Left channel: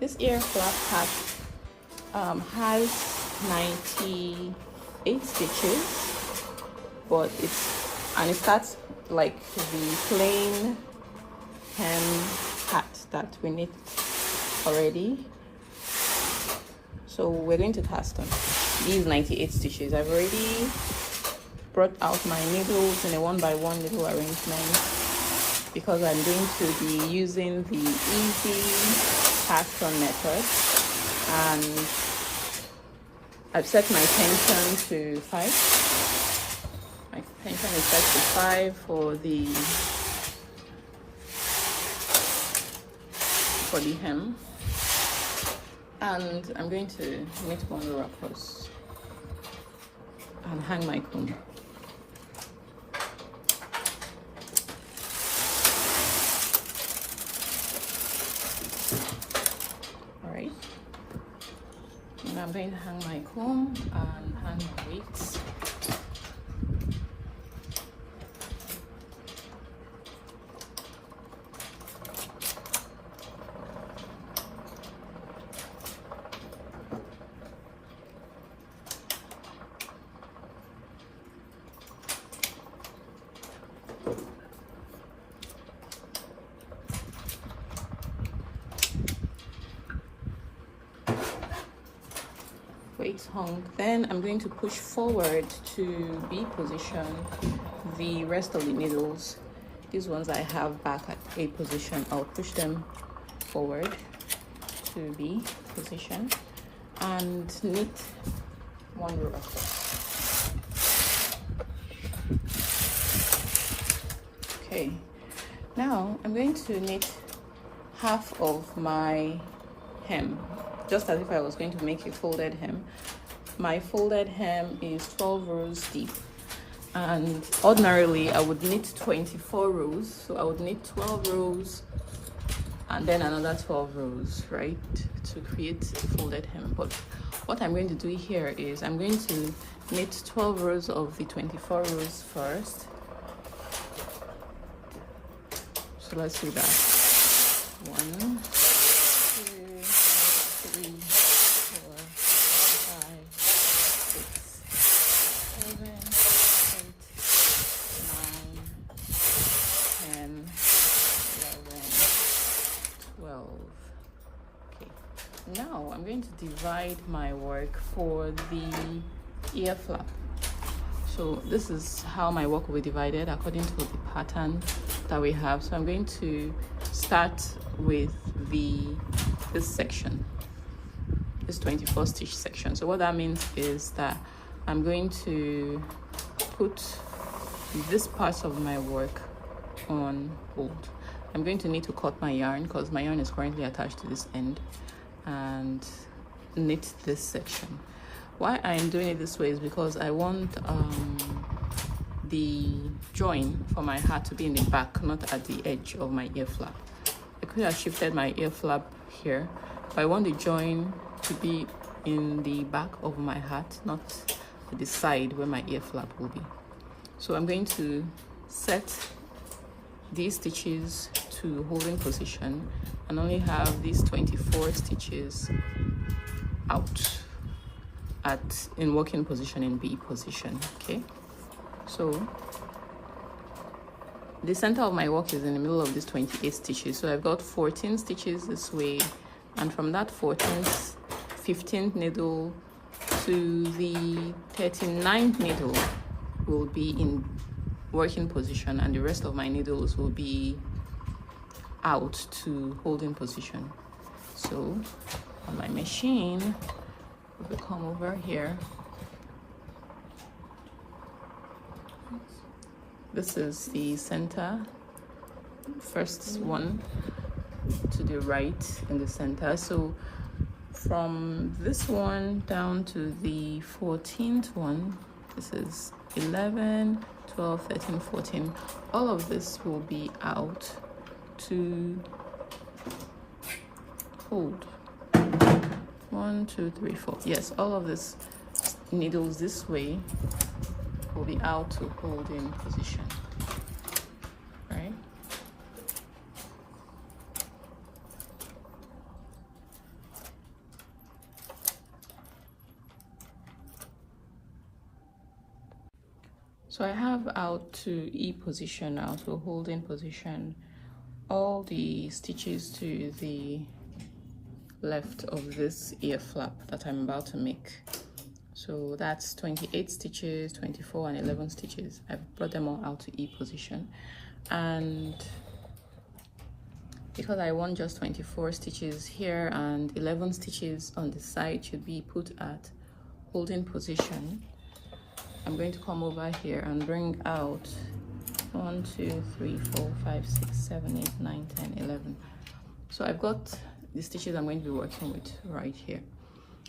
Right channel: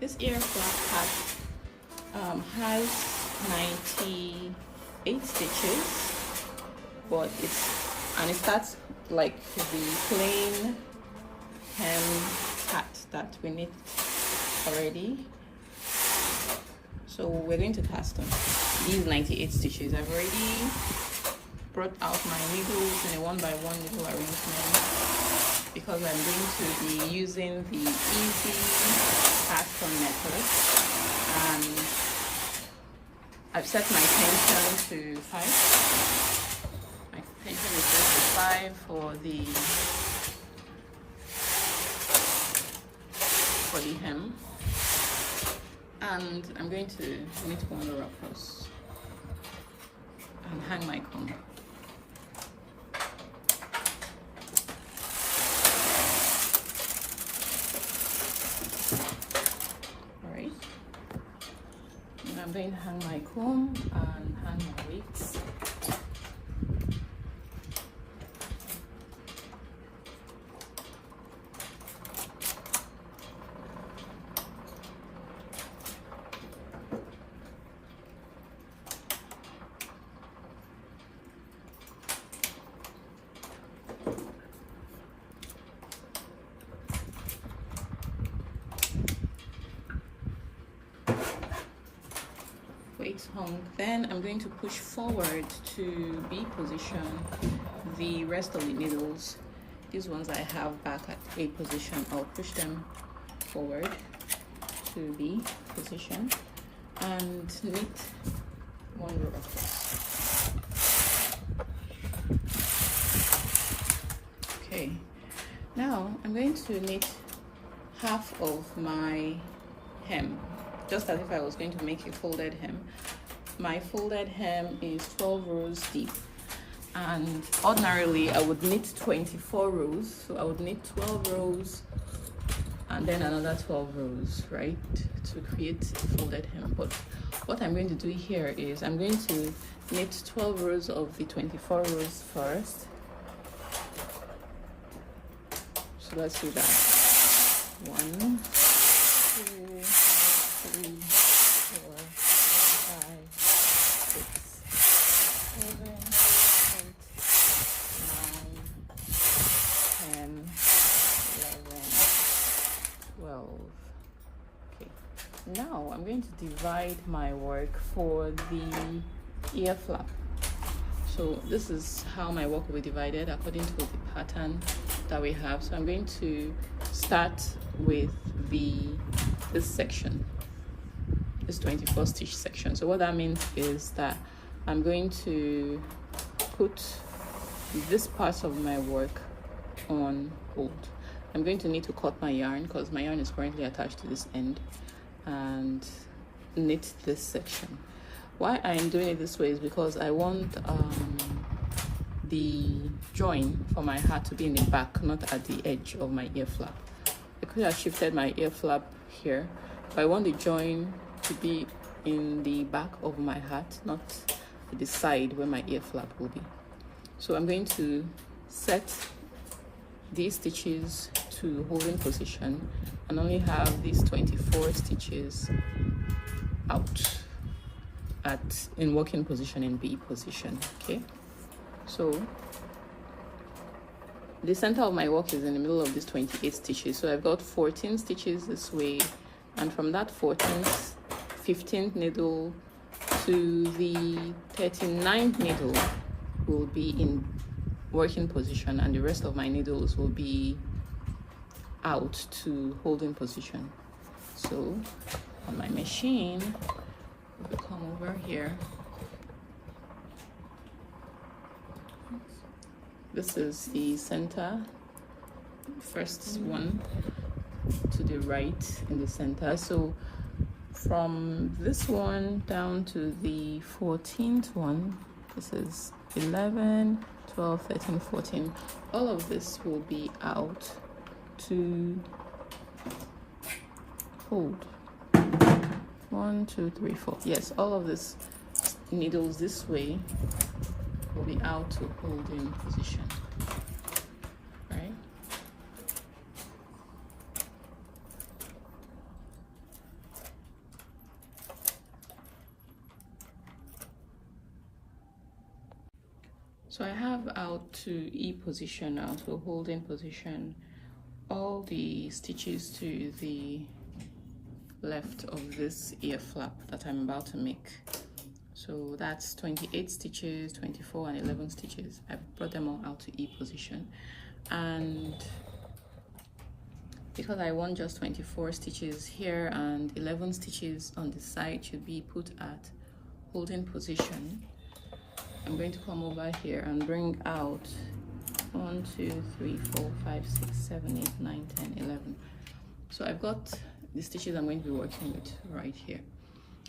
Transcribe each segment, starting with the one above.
This ear flap hat has 98 stitches, but it starts like the plain hem hat that we knit already. So we're going to cast on these 98 stitches. I've already brought out my needles in a 1x1 needle arrangement because I'm going to be using the easy cast on method, and I've set my tension to 5. My tension is set to 5 for the hem, and I'm going to knit one row across and hang my comb. Alright, and I'm going to hang my comb and hang my weights. Weights hung. Then I'm going to push forward to B position the rest of the needles. These ones I have back at A position. I'll push them forward to B position and knit one row. Okay, now I'm going to knit half of my hem, just as if I was going to make a folded hem. My folded hem is 12 rows deep, and ordinarily I would knit 24 rows, so I would knit 12 rows and then another 12 rows, right, to create a folded hem. But what I'm going to do here is I'm going to knit 12 rows of the 24 rows first. So let's do that. 1, 2, 3, 10, 11, 12. Okay. Now I'm going to divide my work for the ear flap. So this is how my work will be divided according to the pattern that we have. So I'm going to start with this section, this 24 stitch section. So what that means is that I'm going to put this part of my work on hold. I'm going to need to cut my yarn because my yarn is currently attached to this end, and knit this section. Why I'm doing it this way is because I want the join for my hat to be in the back, not at the edge of my ear flap. I could have shifted my ear flap here, but I want the join to be in the back of my hat, not at the side where my ear flap will be. So I'm going to set these stitches to holding position and only have these 24 stitches out in working position in B position. Okay, so the center of my work is in the middle of these 28 stitches, so I've got 14 stitches this way, and from that 14th 15th needle to the 39th needle will be in working position, and the rest of my needles will be out to holding position. So my machine will come over here. This is the center, first one to the right in the center. So from this one down to the 14th one, this is 11, 12, 13, 14. All of this will be out to hold. 1, 2, 3, 4. Yes, all of this needles this way will be out to hold in position. Right? So I have out to E position now, to holding position, all the stitches to the left of this ear flap that I'm about to make. So that's 28 stitches, 24 and 11 stitches. I've brought them all out to E position, and because I want just 24 stitches here and 11 stitches on the side should be put at holding position, I'm going to come over here and bring out 1, 2, 3, 4, 5, 6, 7, 8, 9, 10, 11. So I've got the stitches I'm going to be working with right here,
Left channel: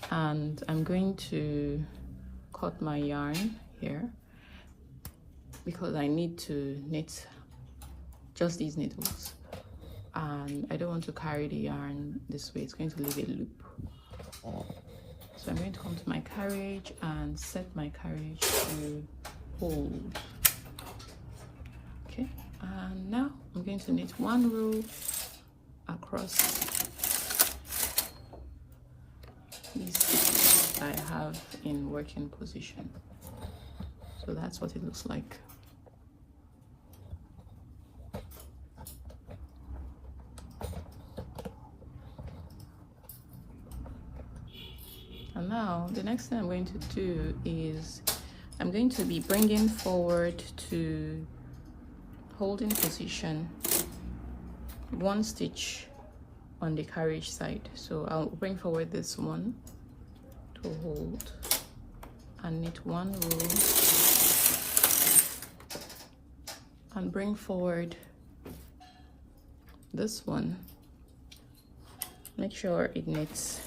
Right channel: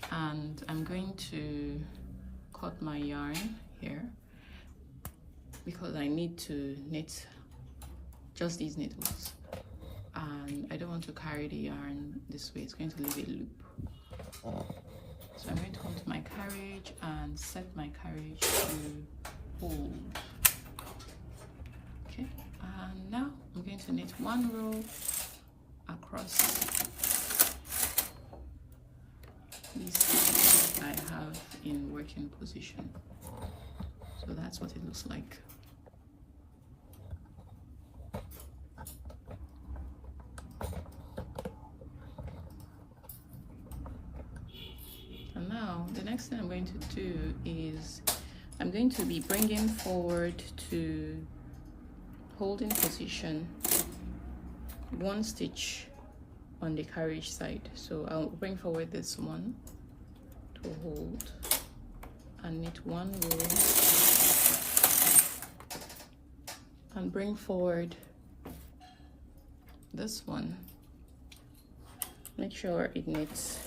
and I'm going to cut my yarn here because I need to knit just these needles, and I don't want to carry the yarn this way. It's going to leave a loop. So I'm going to come to my carriage and set my carriage to hold. Okay, and now I'm going to knit one row across these stitches I have in working position. So that's what it looks like. And now the next thing I'm going to do is I'm going to be bringing forward to holding position one stitch on the carriage side. So I'll bring forward this one to hold and knit one row and bring forward this one. Make sure it knits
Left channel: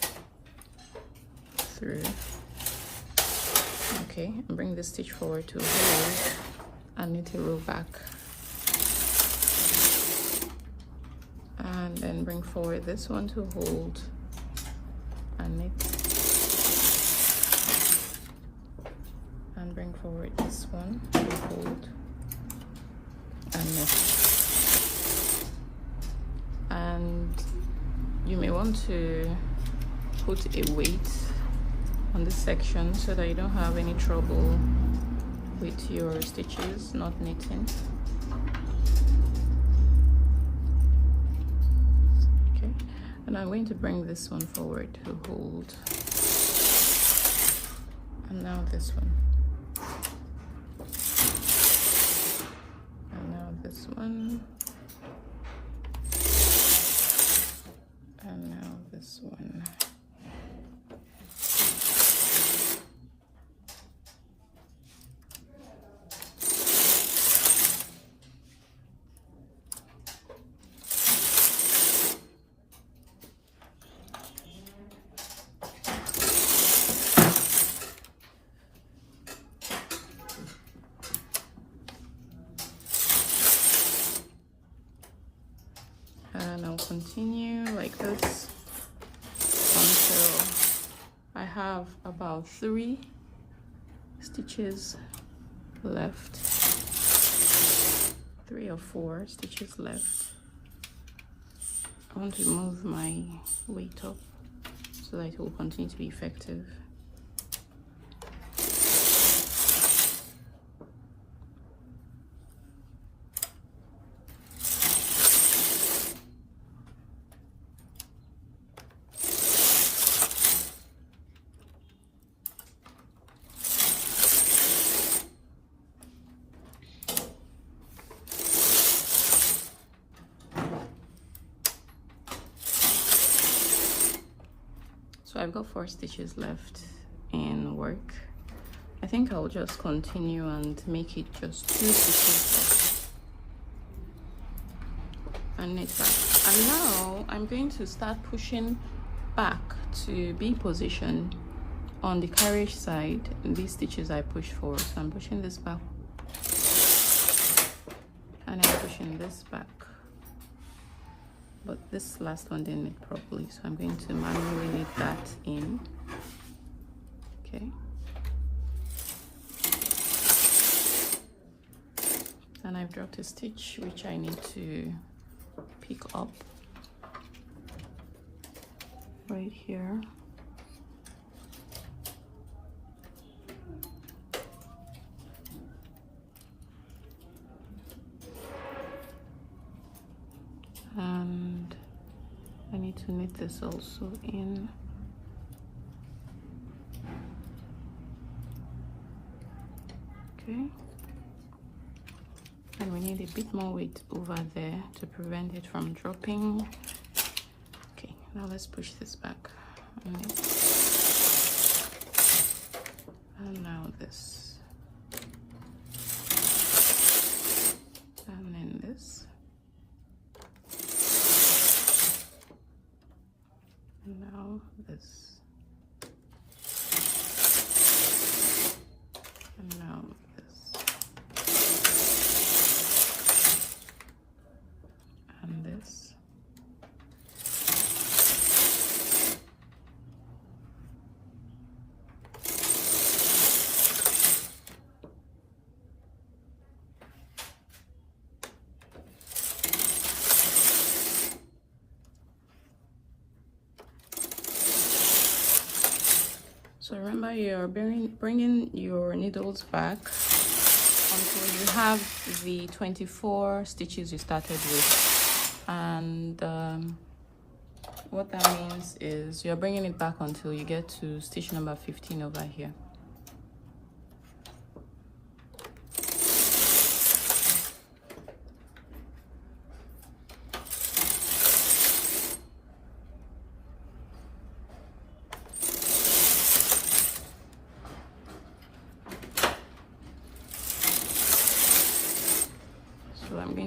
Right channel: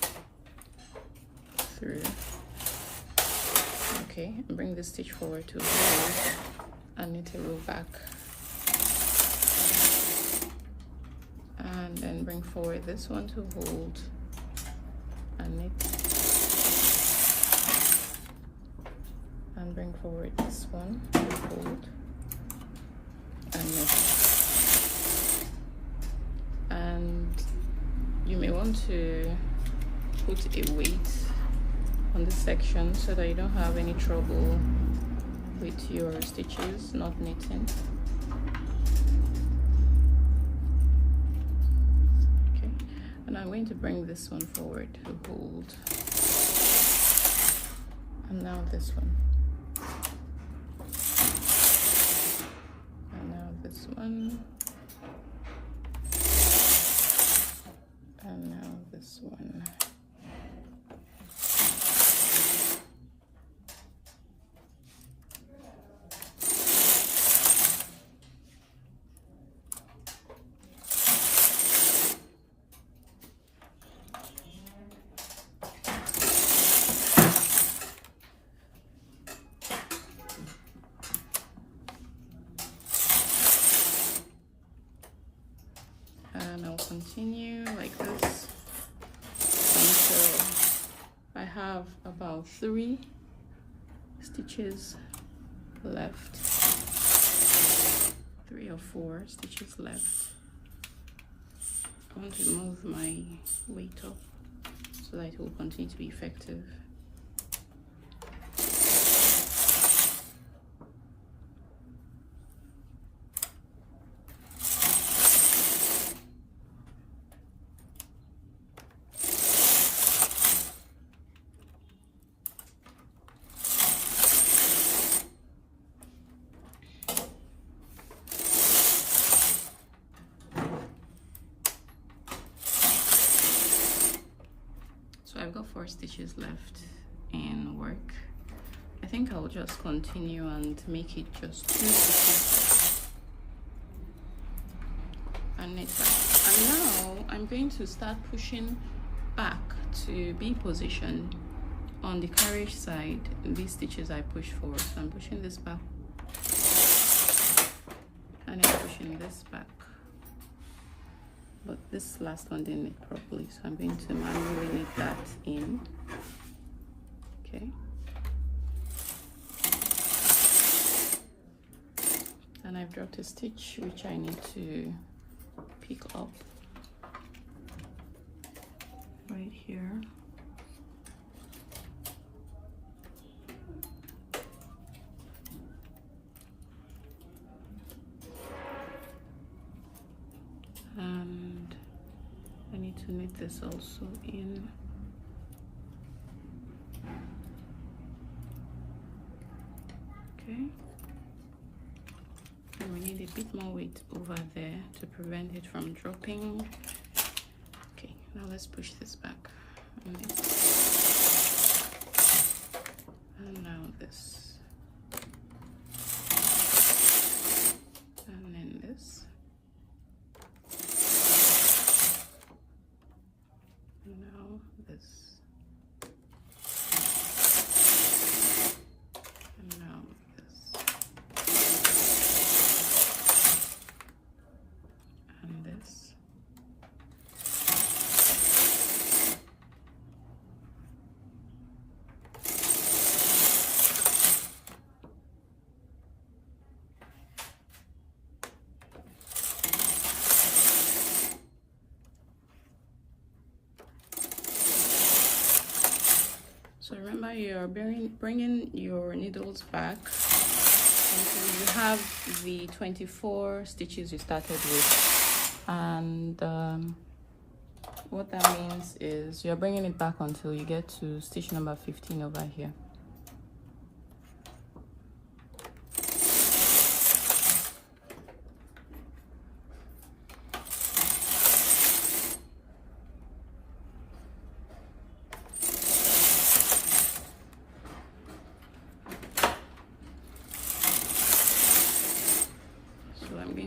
through. Okay, and bring the stitch forward to hold and knit a row back, and then bring forward this one to hold and knit, and bring forward this one to hold and knit. And you may want to put a weight on the section so that you don't have any trouble with your stitches not knitting. Okay, and I'm going to bring this one forward to hold. And now this one. And now this one. And now this one. Continue like this. I have about 3 stitches left, 3 or 4 stitches left. I want to move my weight up so that it will continue to be effective. So I've got 4 stitches left in work. I think I'll just continue and make it just 2 stitches and knit back. And now I'm going to start pushing back to B position on the carriage side. And these stitches I push forward, so I'm pushing this back and I'm pushing this back. But this last one didn't knit properly, so I'm going to manually knit that in. Okay. And I've dropped a stitch which I need to pick up right here. knit this also in. Okay, and we need a bit more weight over there to prevent it from dropping. Okay, now let's push this back. And now this. And then this. And now this. And now this. And this. So remember, you're bringing your needles back. You have the 24 stitches you started with. And what that means is you're bringing it back until you get to stitch number 15 over here.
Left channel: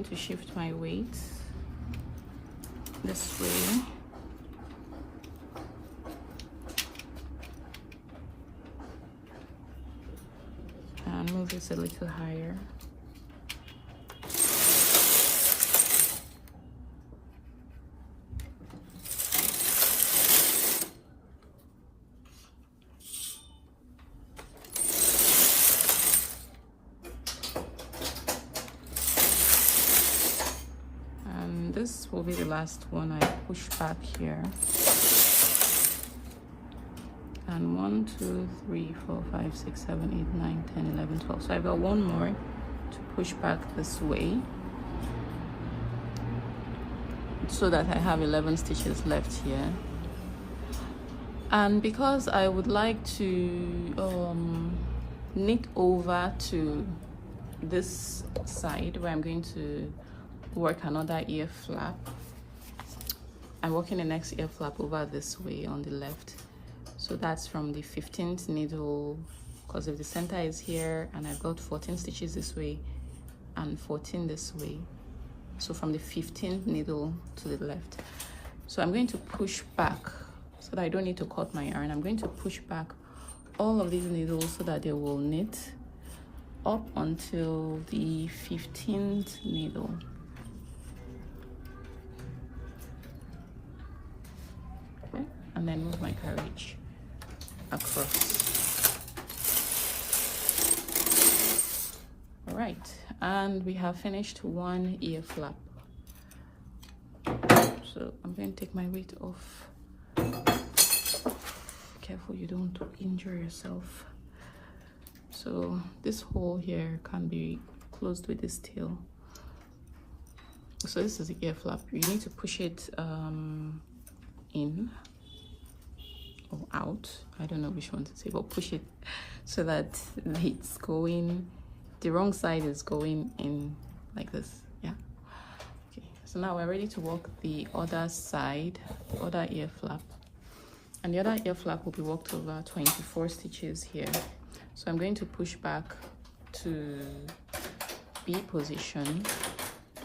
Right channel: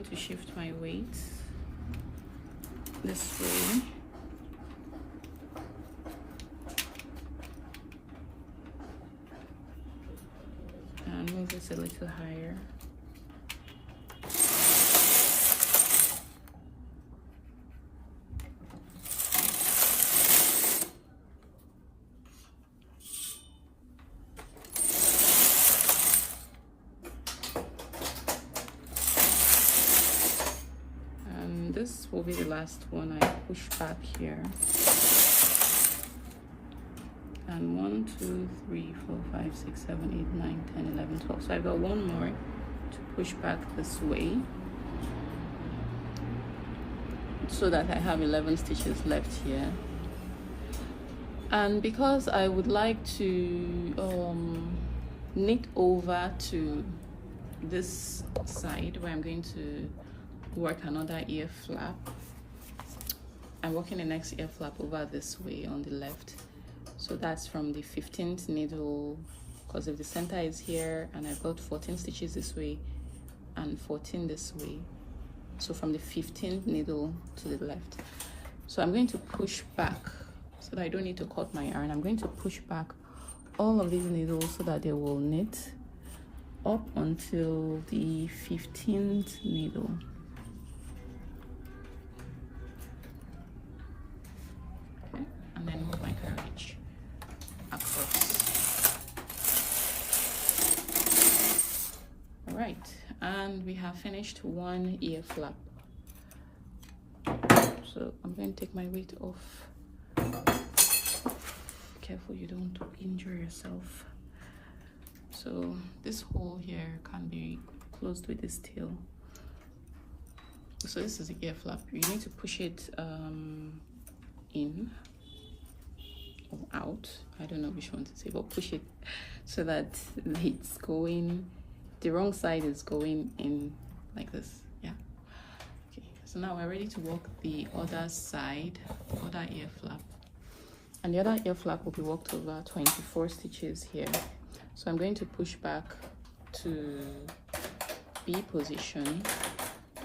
To shift my weight this way, and move this a little higher. The last one I push back here, and 1, 2, 3, 4, 5, 6, 7, 8, 9, 10, 11, 12. So I've got one more to push back this way so that I have 11 stitches left here. And because I would like to knit over to this side where I'm going to work another ear flap, I'm working the next ear flap over this way on the left. So that's from the 15th needle, because if the center is here, and I've got 14 stitches this way and 14 this way. So from the 15th needle to the left. So I'm going to push back so that I don't need to cut my yarn. I'm going to push back all of these needles so that they will knit up until the 15th needle. And then move my carriage across. All right, and we have finished one ear flap. So I'm going to take my weight off. Careful you don't injure yourself. So this hole here can be closed with this tail. So this is the ear flap. You need to push it in or out, I don't know which one to say, but push it so that it's going, the wrong side is going in like this. Yeah. Okay. So now we're ready to work the other side, the other ear flap, and the other ear flap will be worked over 24 stitches here. So I'm going to push back to B position,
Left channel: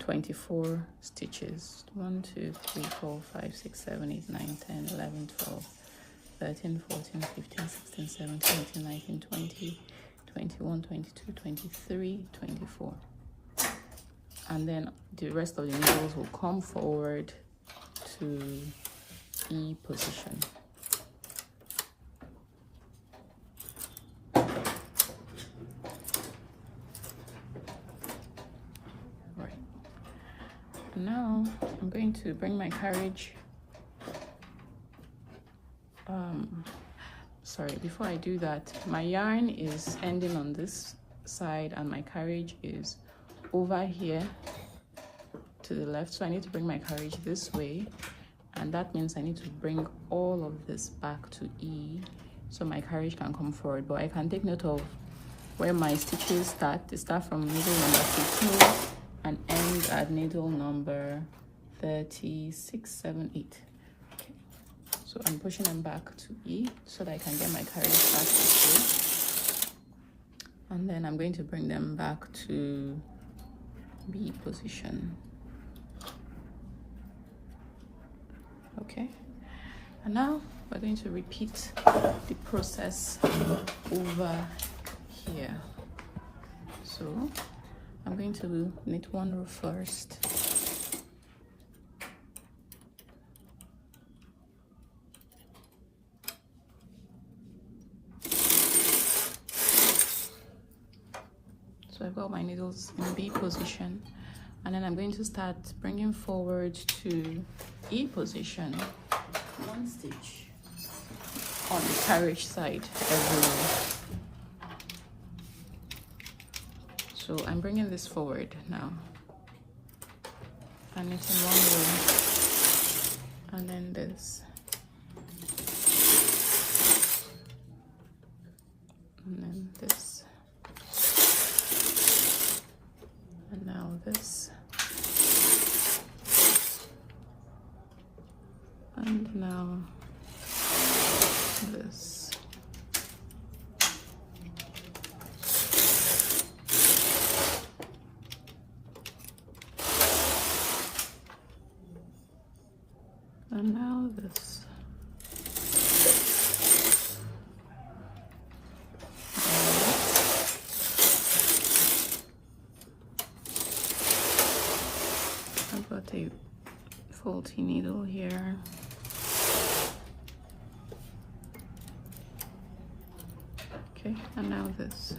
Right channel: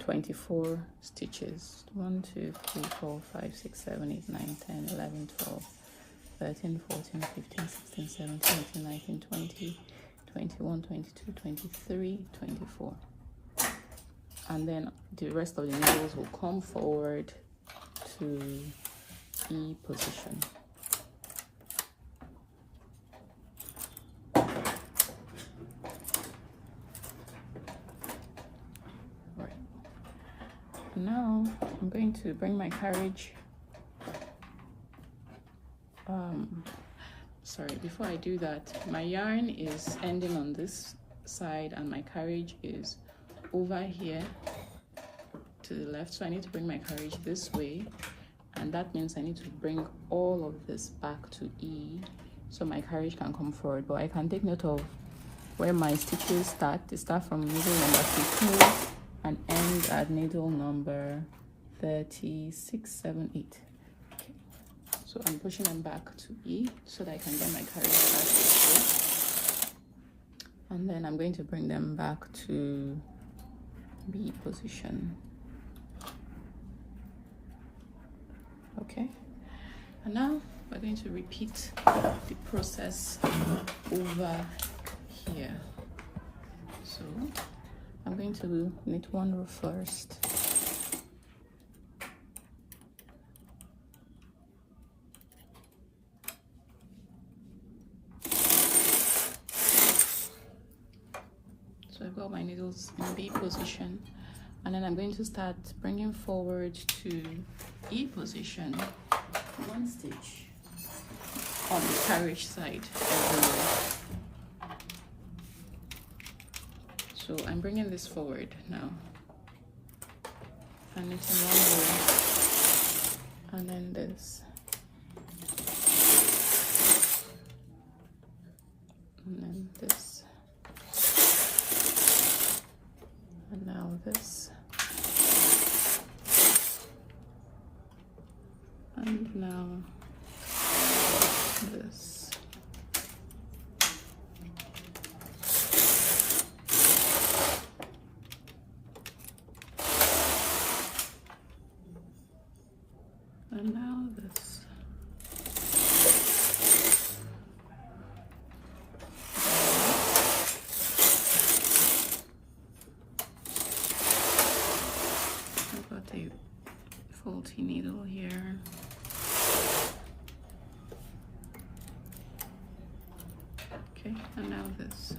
24 stitches. 1, 2, 3, 4, 5, 6, 7, 8, 9, 10, 11, 12, 13, 14, 15, 16, 17, 18, 19, 20, 21, 22, 23, 24. And then the rest of the needles will come forward to E position. Now I'm going to bring my carriage. Sorry, before I do that, my yarn is ending on this side and my carriage is over here to the left, so I need to bring my carriage this way and that means I need to bring all of this back to E so my carriage can come forward. But I can take note of where my stitches start. They start from needle number 52 and end at needle number 36, 7, 8. Okay. So I'm pushing them back to E so that I can bring my carriage back to E. And then I'm going to bring them back to B position. Okay. And now we're going to repeat the process over here. So I'm going to knit one row first. So I've got my needles in B position, and then I'm going to start bringing forward to A position, one stitch on the carriage side. So I'm bringing this forward now. And it's one, and then this. And then this. And now this. And now this. And now this. I've got a faulty needle here. Okay, and now this.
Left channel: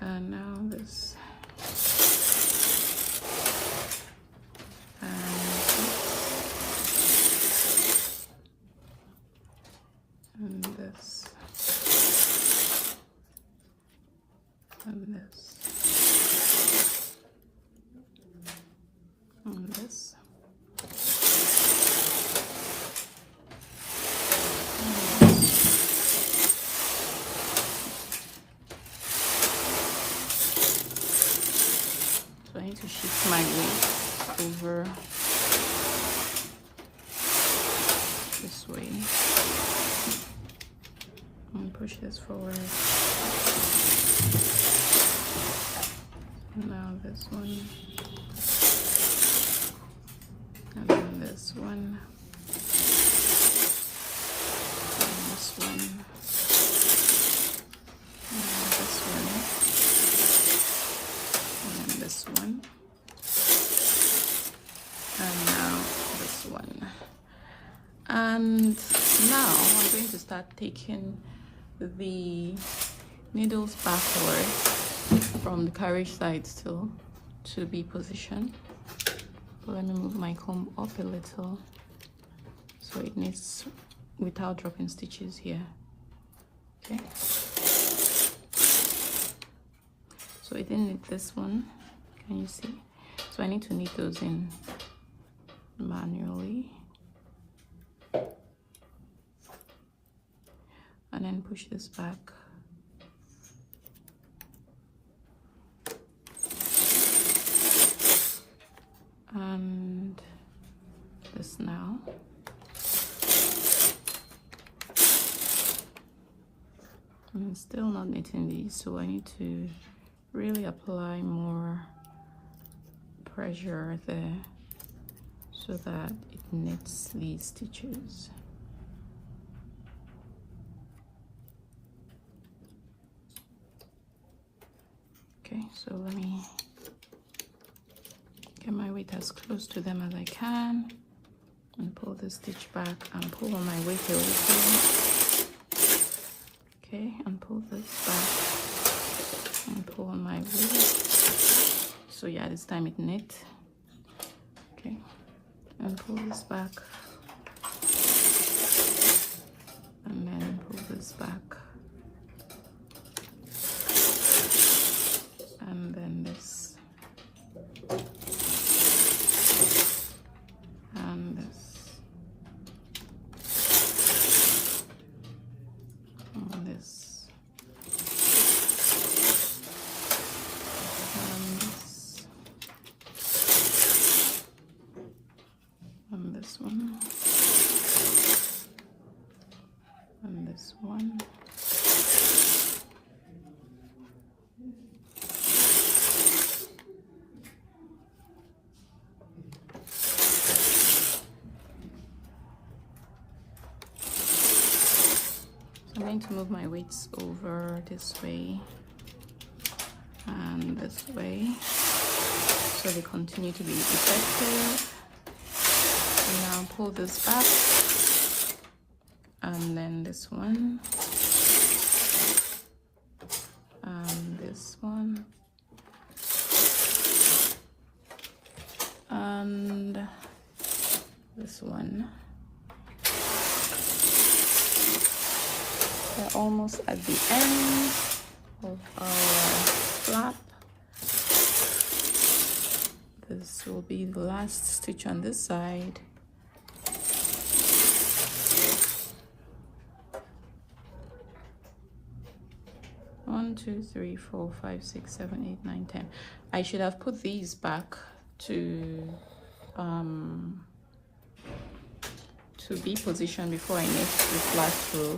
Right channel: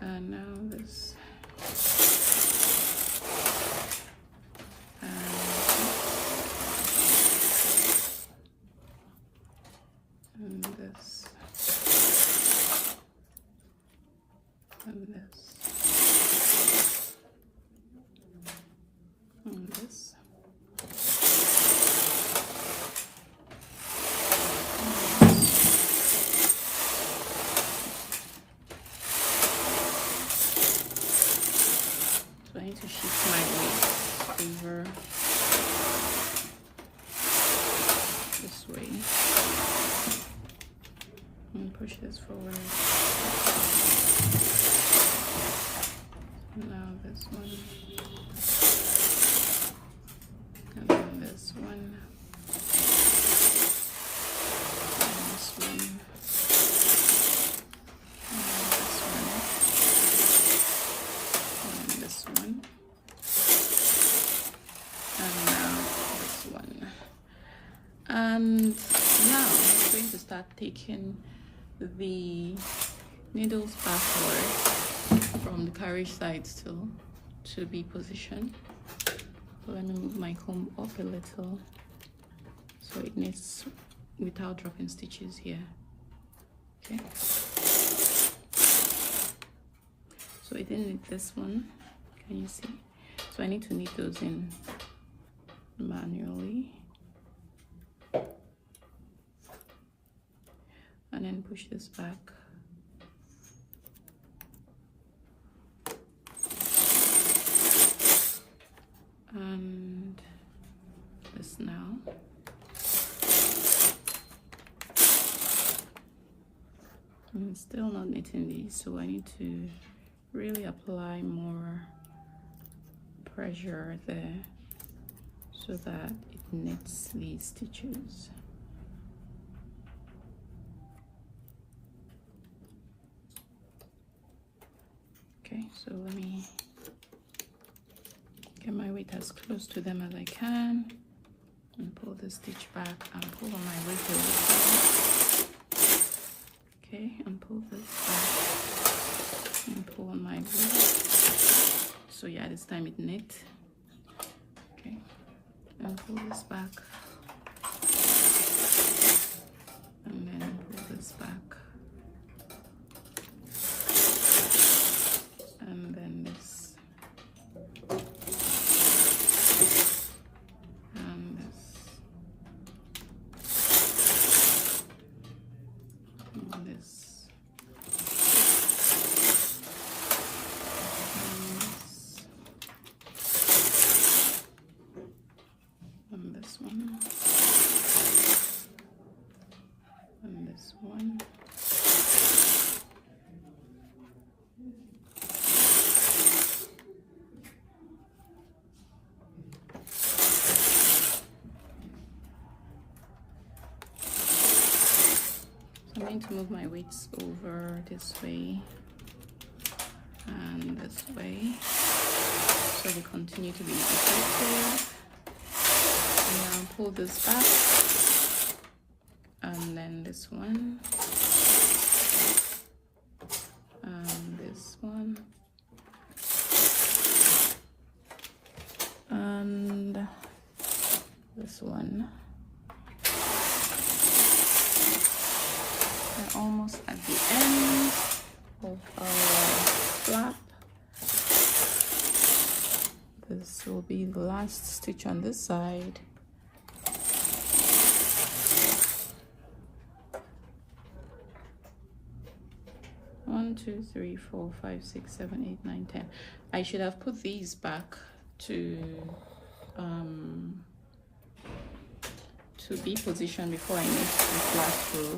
And now this. And this. And this. And this. So I need to shift my weight over this way and push this forward. Now this one, and then this one, and this one, and this one, and now this one. And now we're going to start taking the needles backward from the carriage side still to B position. Let me move my comb up a little so it knits without dropping stitches here. Okay. So I didn't knit this one. Can you see? So I need to knit those in manually. And then push this back. And this now. I'm still not knitting these, so I need to really apply more pressure there so that it knits these stitches. Okay, so let me get my weight as close to them as I can and pull the stitch back and pull on my weight over. Okay, and pull this back and pull on my weight. So yeah, this time it knit. Okay, and pull this back and then pull this back. this way so they continue to be protected. And I'll pull this up, and then this one, and this one, and this one. We're almost at the end of our flap. This will be the last stitch on this side. One, 2, 3, 4, 5, 6, 7, 8, 9, 10. I should have put these back to be positioned before I make the last row.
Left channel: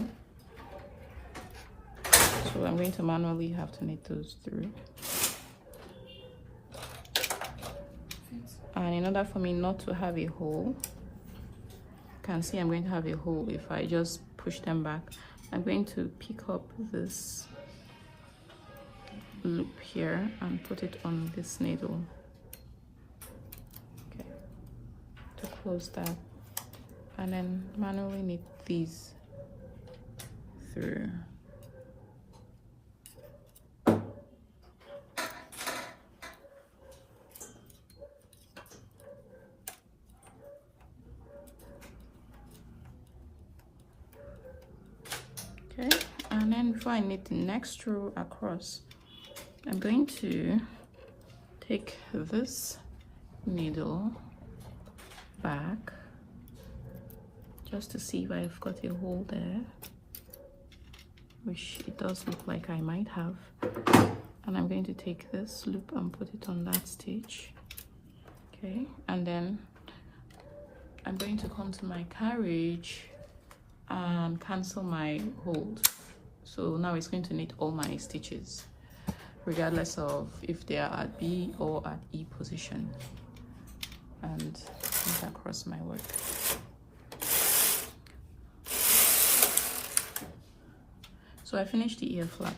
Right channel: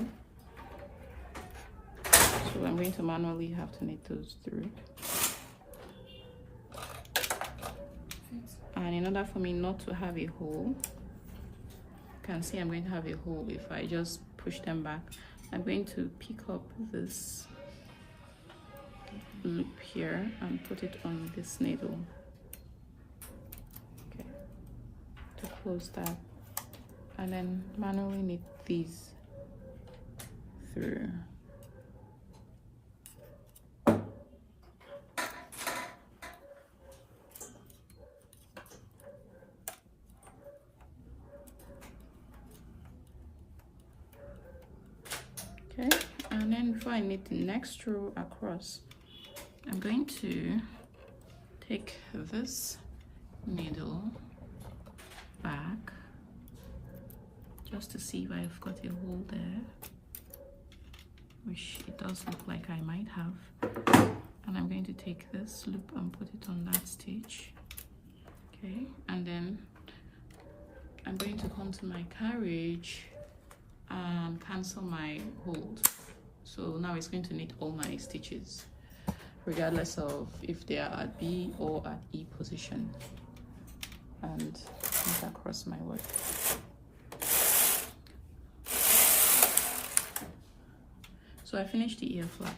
So I'm going to manually have to knit those through. And in order for me not to have a hole, you can see I'm going to have a hole if I just push them back. I'm going to pick up this loop here and put it on this needle to close that, and then manually knit these through. And then before I knit the next row across, I'm going to take this needle back just to see if I've got a hole there, which it does look like I might have. And I'm going to take this loop and put it on that stitch. Okay, and then I'm going to come to my carriage and cancel my hold. So now it's going to knit all my stitches, regardless of if they are at B or at E position. And across my work. So I finished the ear flap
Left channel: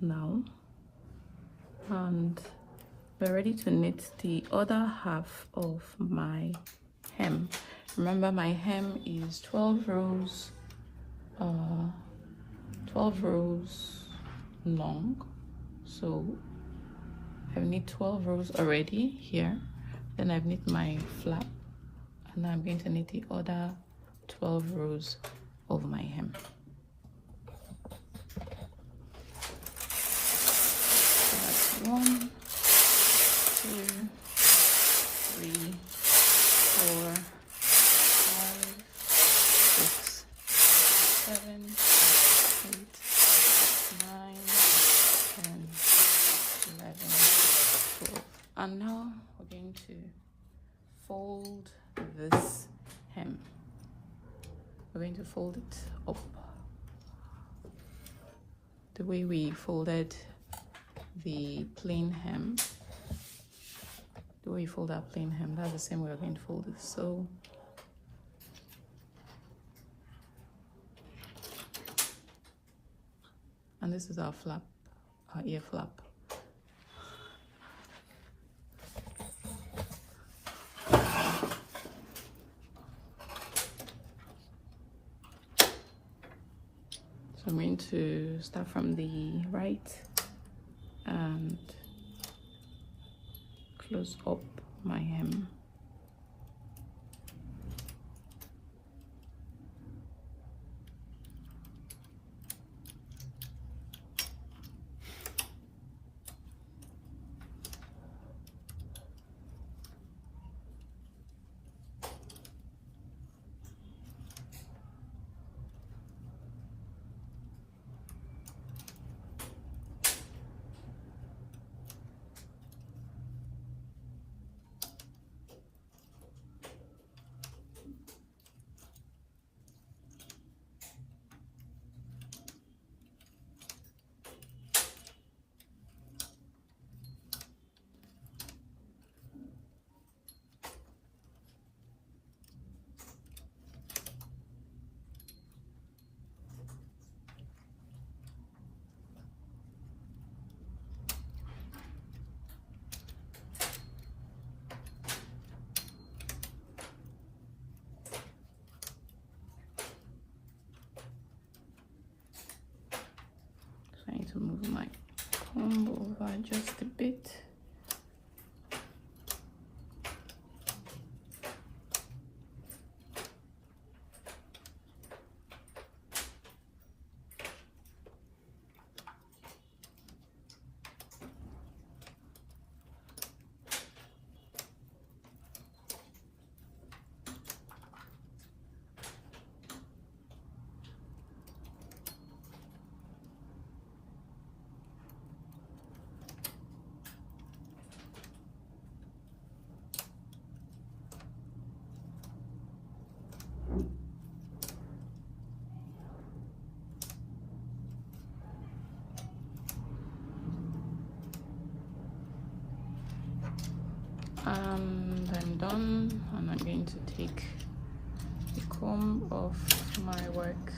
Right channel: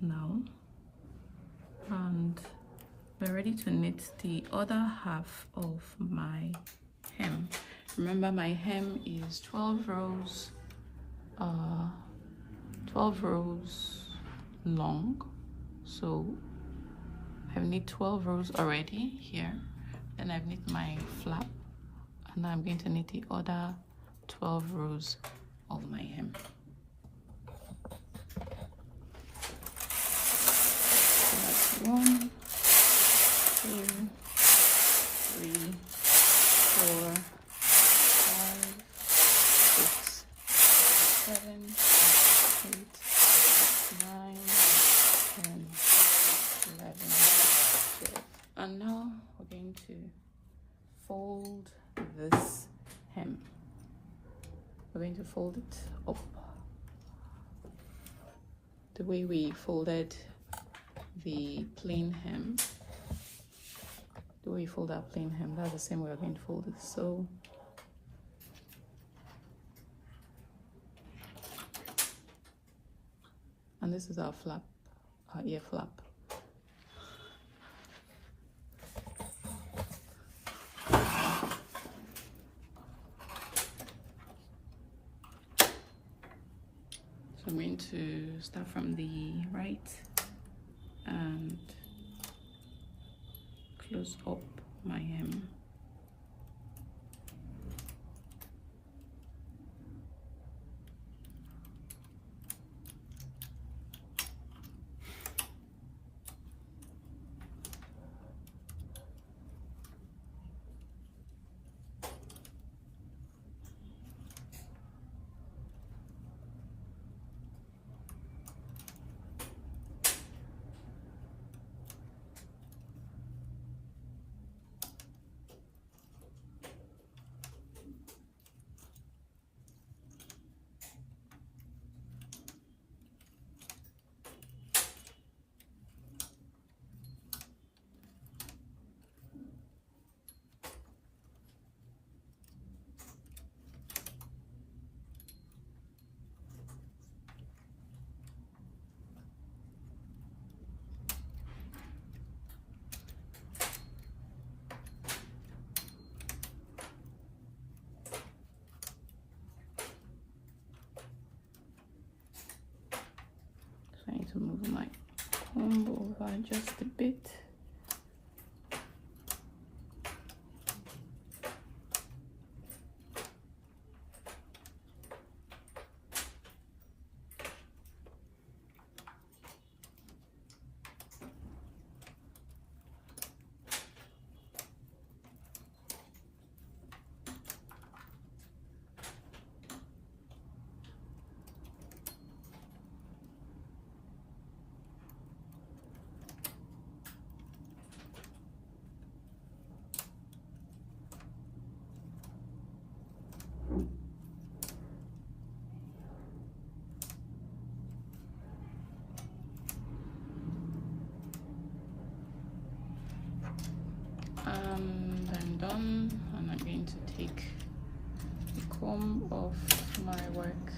now, and we're ready to knit the other half of my hem. Remember, my hem is 12 rows 12 rows long, so I've knit 12 rows already here. Then I've knit my flap, and now I'm going to knit the other 12 rows of my hem. One, 2, 3, 4, 5, 6, 7, 8, 9, 10, 11. And now we're going to fold this hem. We're going to fold it up the way we folded the plain hem. The way we fold that plain hem, that's the same way we're going to fold it. So and this is our flap, our ear flap. So I'm going to start from the right and close up my hem. And I'm done, and I'm going to take the comb off my work.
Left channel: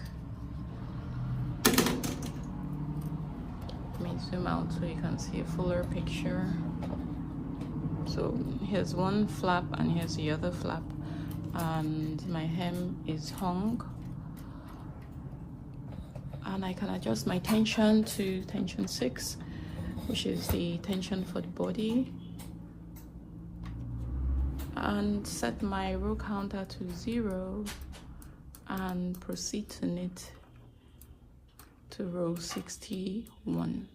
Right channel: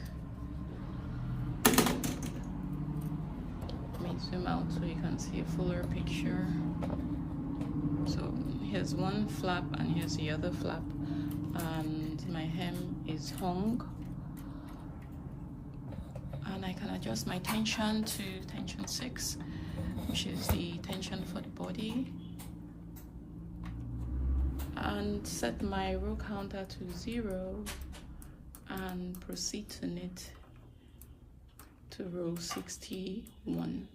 Let me zoom out so you can see a fuller picture. So here's one flap and here's the other flap, and my hem is hung, and I can adjust my tension to tension 6, which is the tension for the body, and set my row counter to 0 and proceed to knit to row 61.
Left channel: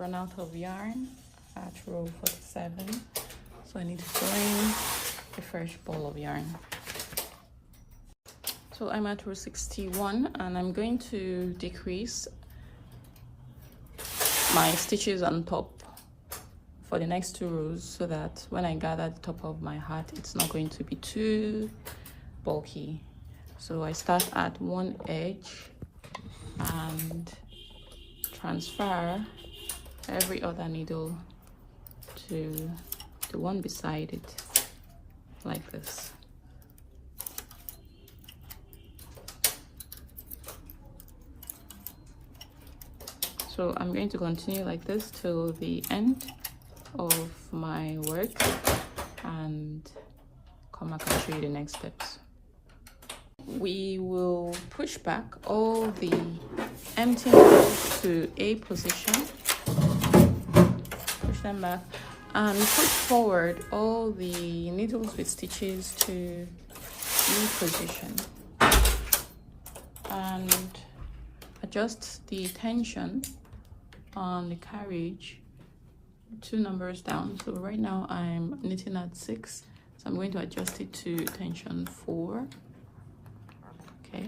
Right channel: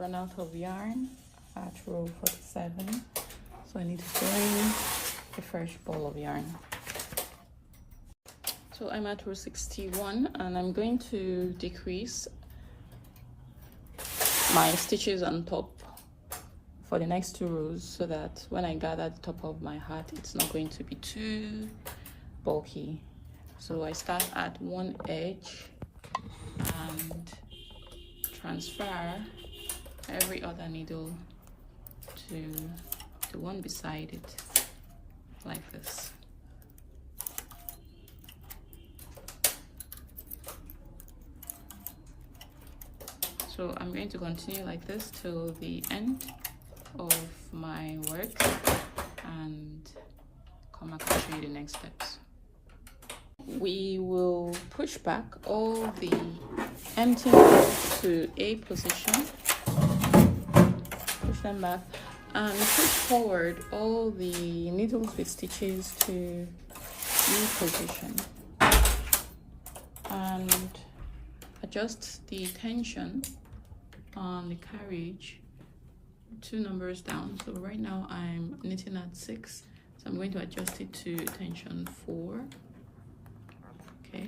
Run out of yarn at row 47, so I need to find a fresh ball of yarn. So I'm at row 61, and I'm going to decrease my stitches on top for the next 2 rows, so that when I gather the top of my hat, it's not going to be too bulky. So I start at one edge and transfer every other needle to the one beside it, like this. So I'm going to continue like this till the end of my work, and come back and show you the next steps. We will push back all the empty needles to A position, and push forward all the needles with stitches to B position, and adjust the tension on the carriage 2 numbers down. So right now I'm knitting at 6, so I'm going to adjust it to tension 4. Okay,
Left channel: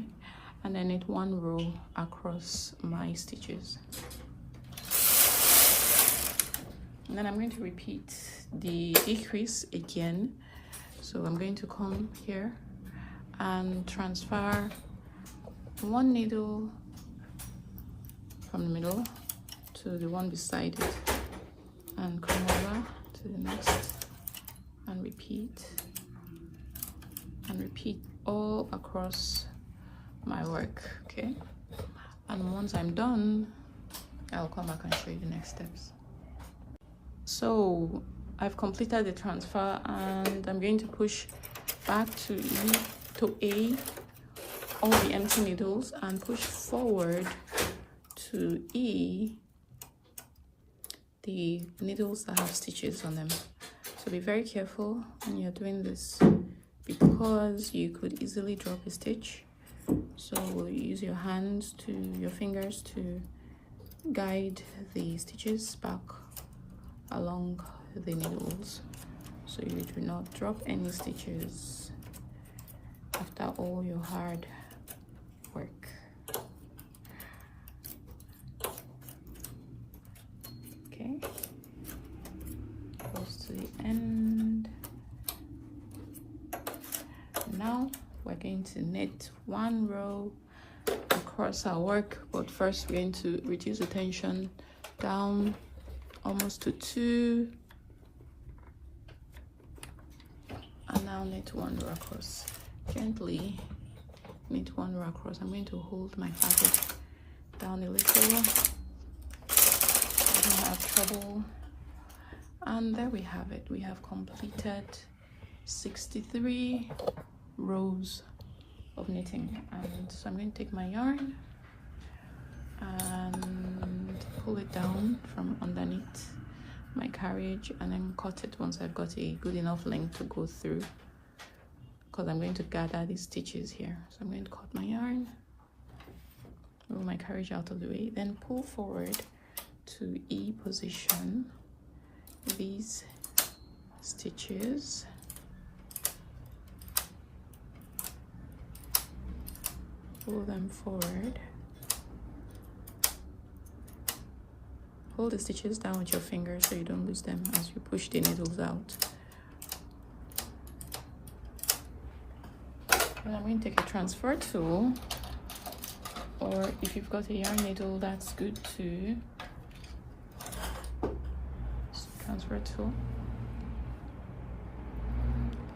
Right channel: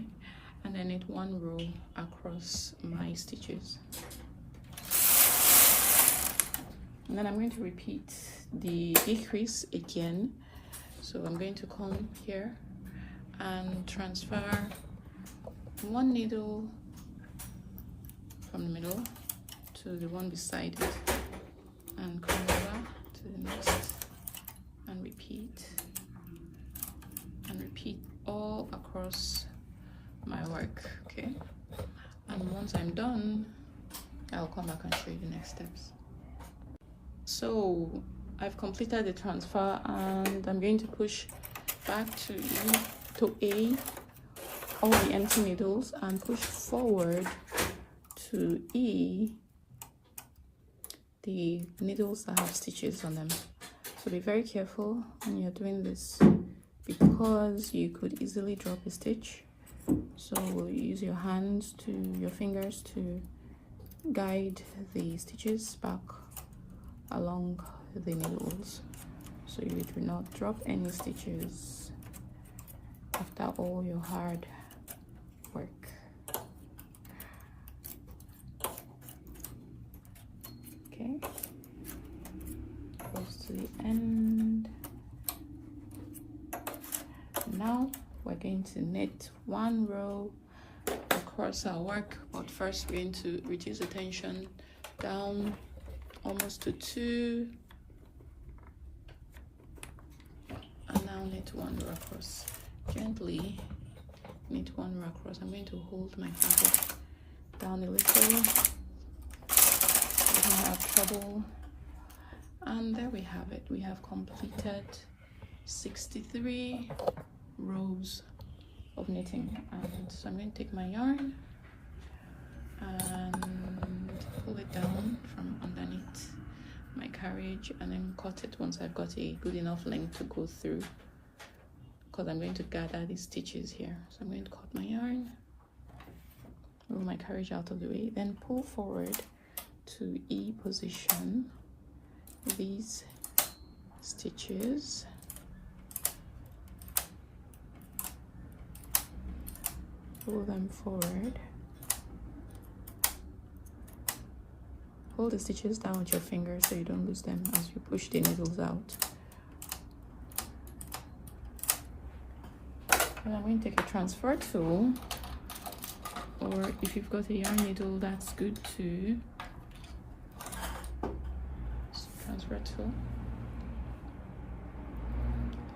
and then knit 1 row across my stitches. And then I'm going to repeat the decrease again. So I'm going to come here and transfer 1 needle from the middle to the one beside it, and come over to the next, and repeat all across my work. Okay, and once I'm done, I'll come back and show you the next steps. So I've completed the transfer, and I'm going to push back to A all the empty needles, and push forward to E the needles that have stitches on them. So be very careful when you're doing this, because you could easily drop a stitch. So use your hands to your fingers to guide the stitches back along the needles, so you do not drop any stitches after all your hard work. Okay, close to the end. Now we're going to knit 1 row across our work, but first we're going to reduce the tension down almost to 2, and now knit 1 row across. Gently knit 1 row across. I'm going to hold my fabric down a little, and there we have it. We have completed 63 rows of knitting. And so I'm going to take my yarn and pull it down from underneath my carriage, and then cut it once I've got a good enough length to go through, because I'm going to gather these stitches here. So I'm going to cut my yarn, move my carriage out of the way, then pull forward to E position these stitches, pull them forward, hold the stitches down with your fingers so you don't lose them as you push the needles out. And I'm going to take a transfer tool, or if you've got a yarn needle, that's good too. So transfer tool,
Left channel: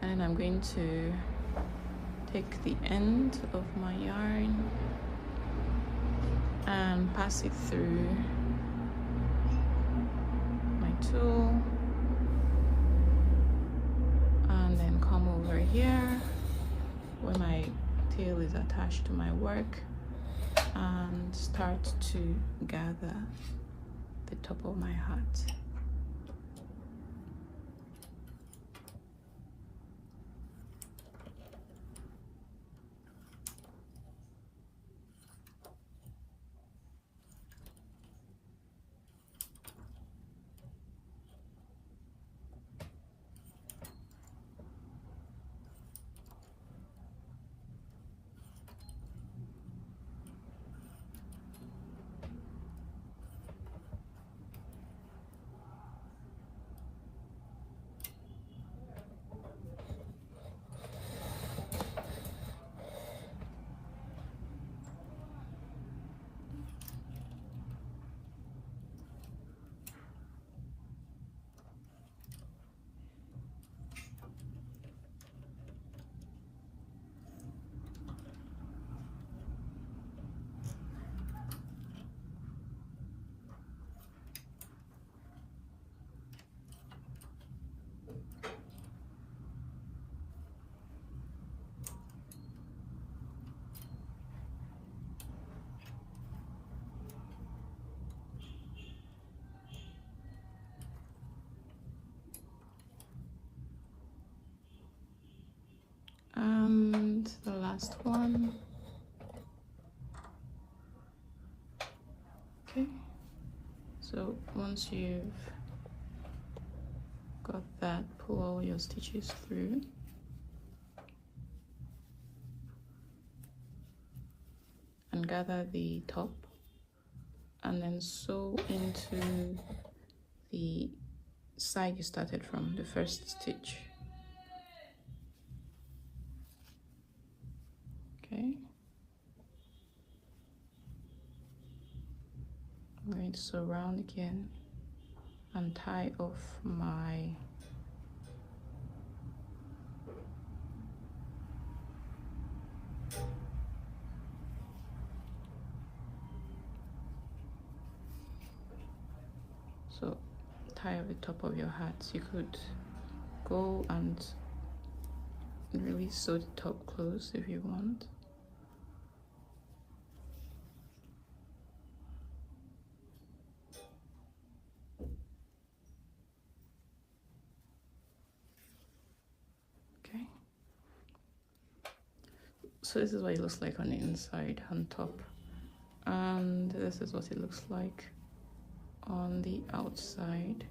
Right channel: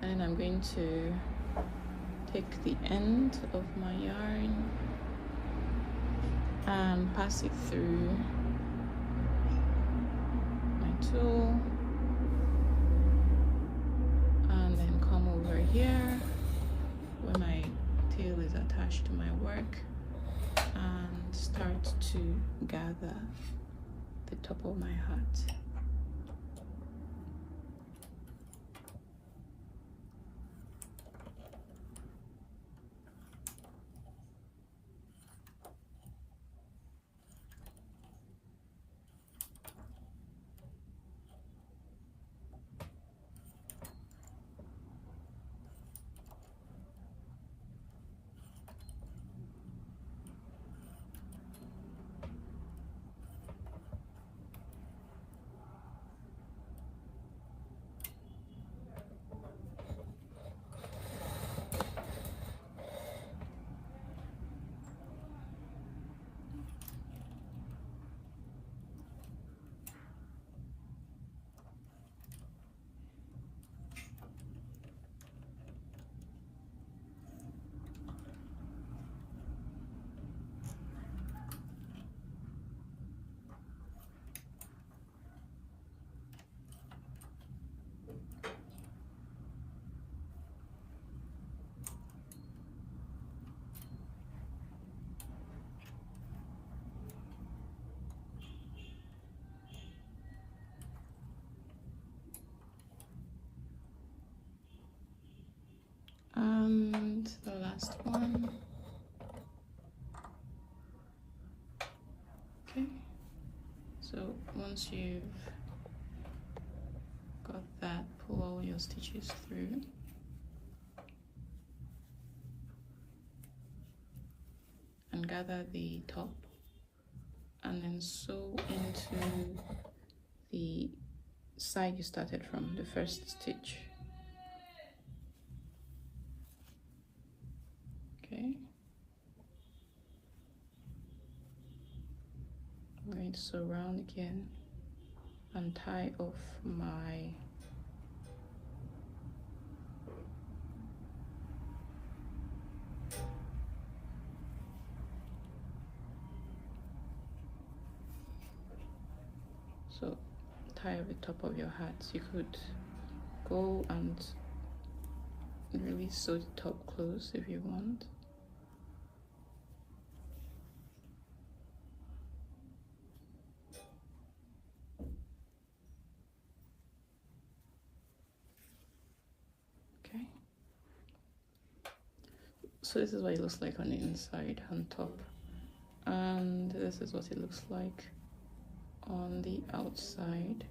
and I'm going to take the end of my yarn and pass it through my tool, and then come over here where my tail is attached to my work and start to gather the top of my hat. And the last one. Okay, so once you've got that, pull all your stitches through. And gather the top, and then sew into the side you started from, the first stitch. Okay. I'm going to sew around again and tie off my tie up the top of your hat. You could go and really sew the top close if you want. Okay. So this is what it looks like on the inside, on top. And this is what it looks like on the outside.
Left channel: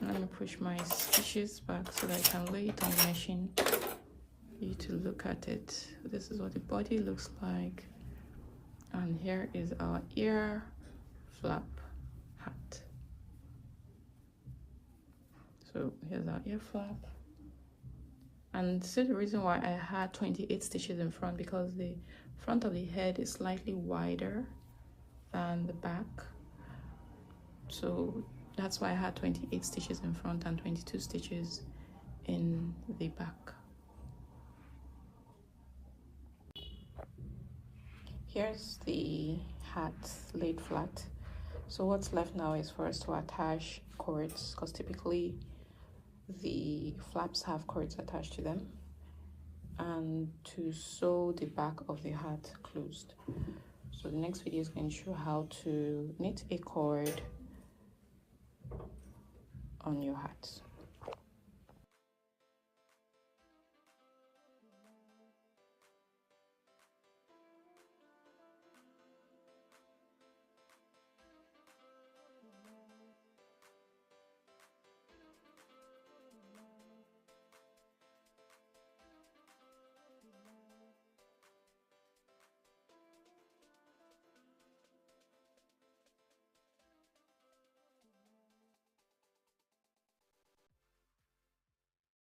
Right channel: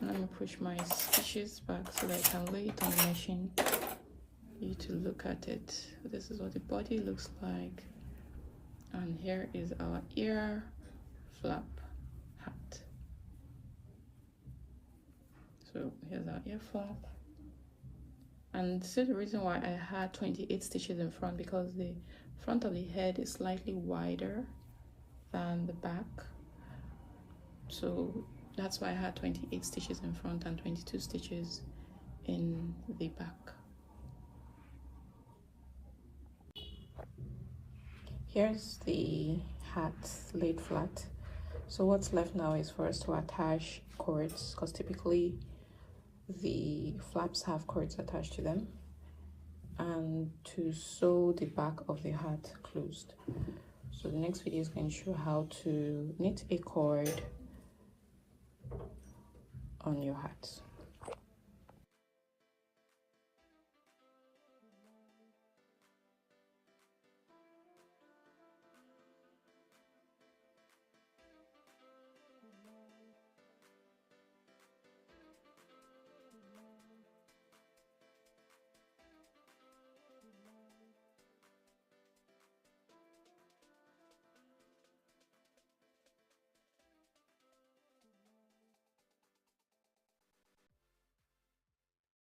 I'm going to push my stitches back so I can lay it on the machine for you to look at it. This is what the body looks like, and here is our ear flap hat. So here's our ear flap, And this is the reason why I had 28 stitches in front, because the front of the head is slightly wider than the back, so that's why I had 28 stitches in front and 22 stitches in the back. Here's the hat laid flat. So what's left now is for us to attach cords, because typically the flaps have cords attached to them, and to sew the back of the hat closed. So the next video is going to show how to knit a cord on your hat.